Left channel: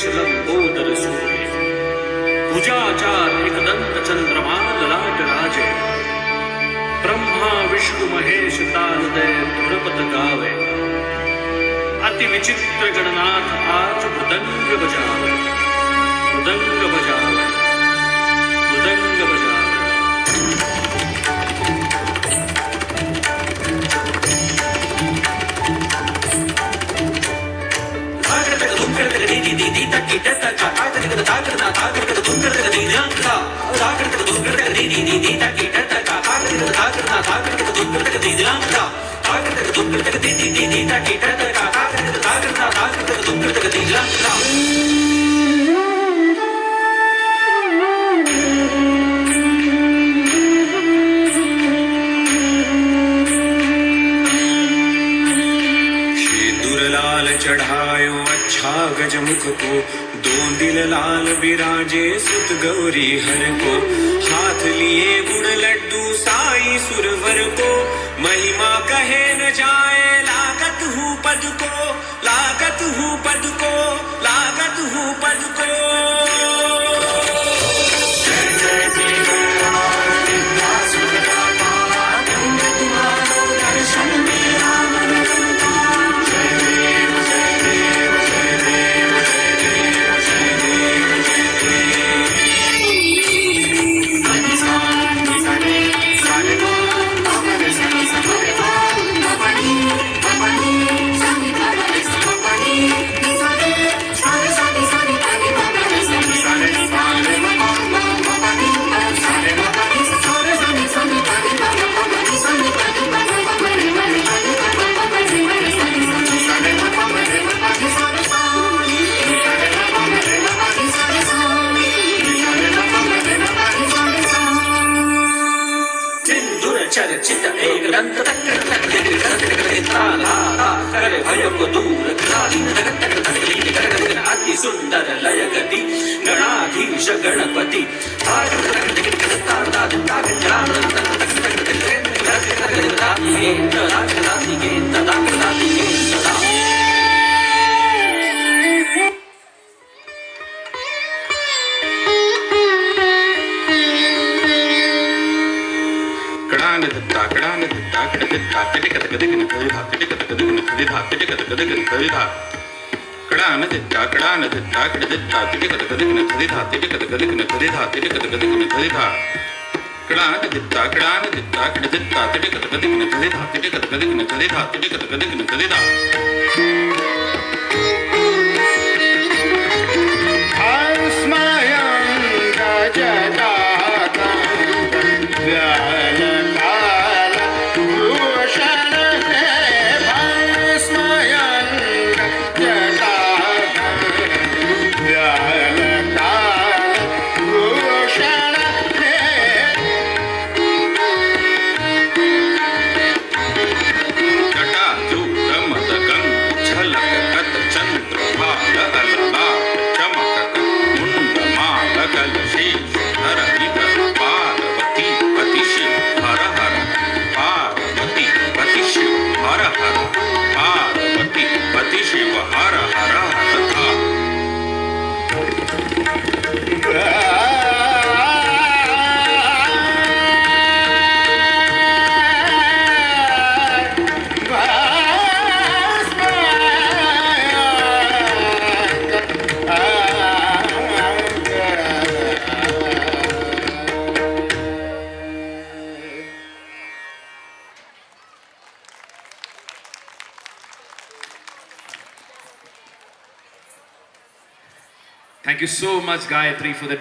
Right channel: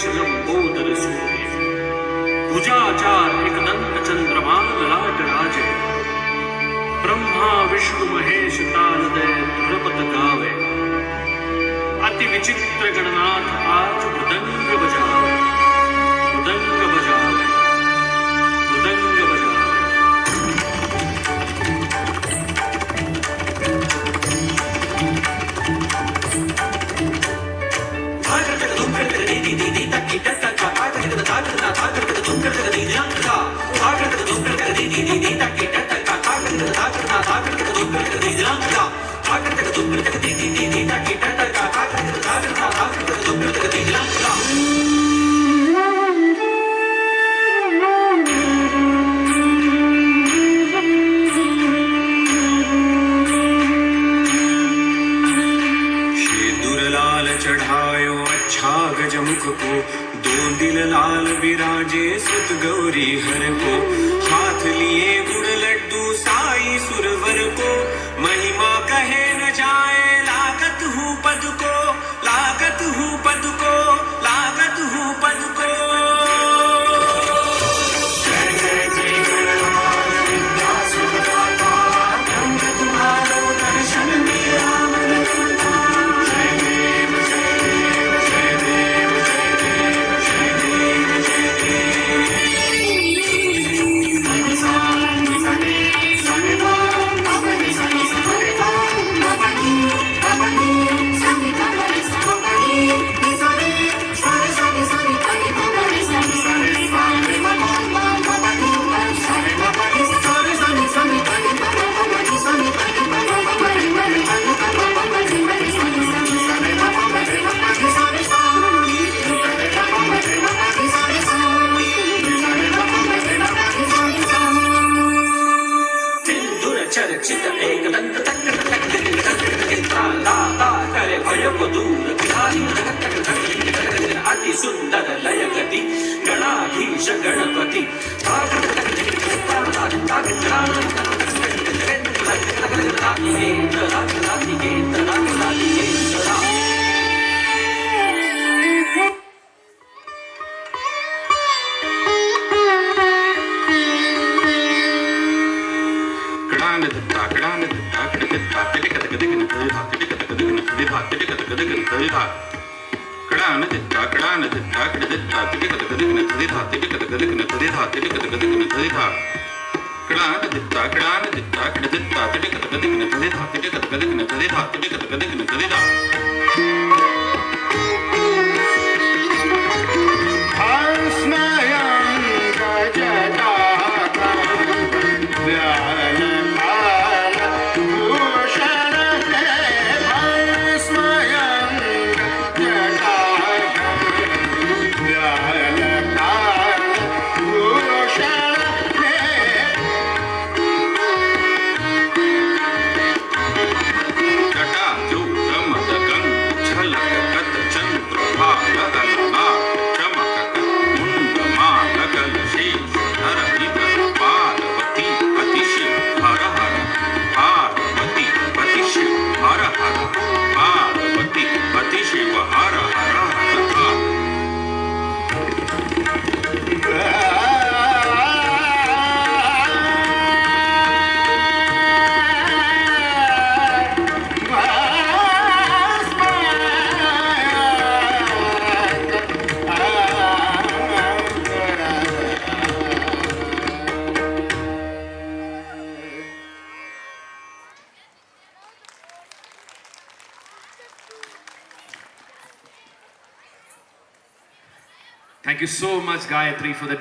केश लंबोदर सूर्य भुजाचार एकदंत चंद्रमान ललाट राजे ब्रह्मा विष्णु महेश तालदय धुरपत गावे अति विचित्र गणनाथ आज मृदंग बजावे मृदंग बजावे मृदंग बजावे चढ़ायो अच्छा गजमुख को दो दिल लाल विराजे सुत गौरी हर को हाथ लिए गुड़ लड्डू साई सुरवर को महिमा कहे न जाए लागत हूँ पद को लागत हूँ पद को लागत हूँ पद को चर्चित एक दंत भय को दूर अति सुंदर लय गति गणाधीश Ganpati Thank you so much, Gayatri, for that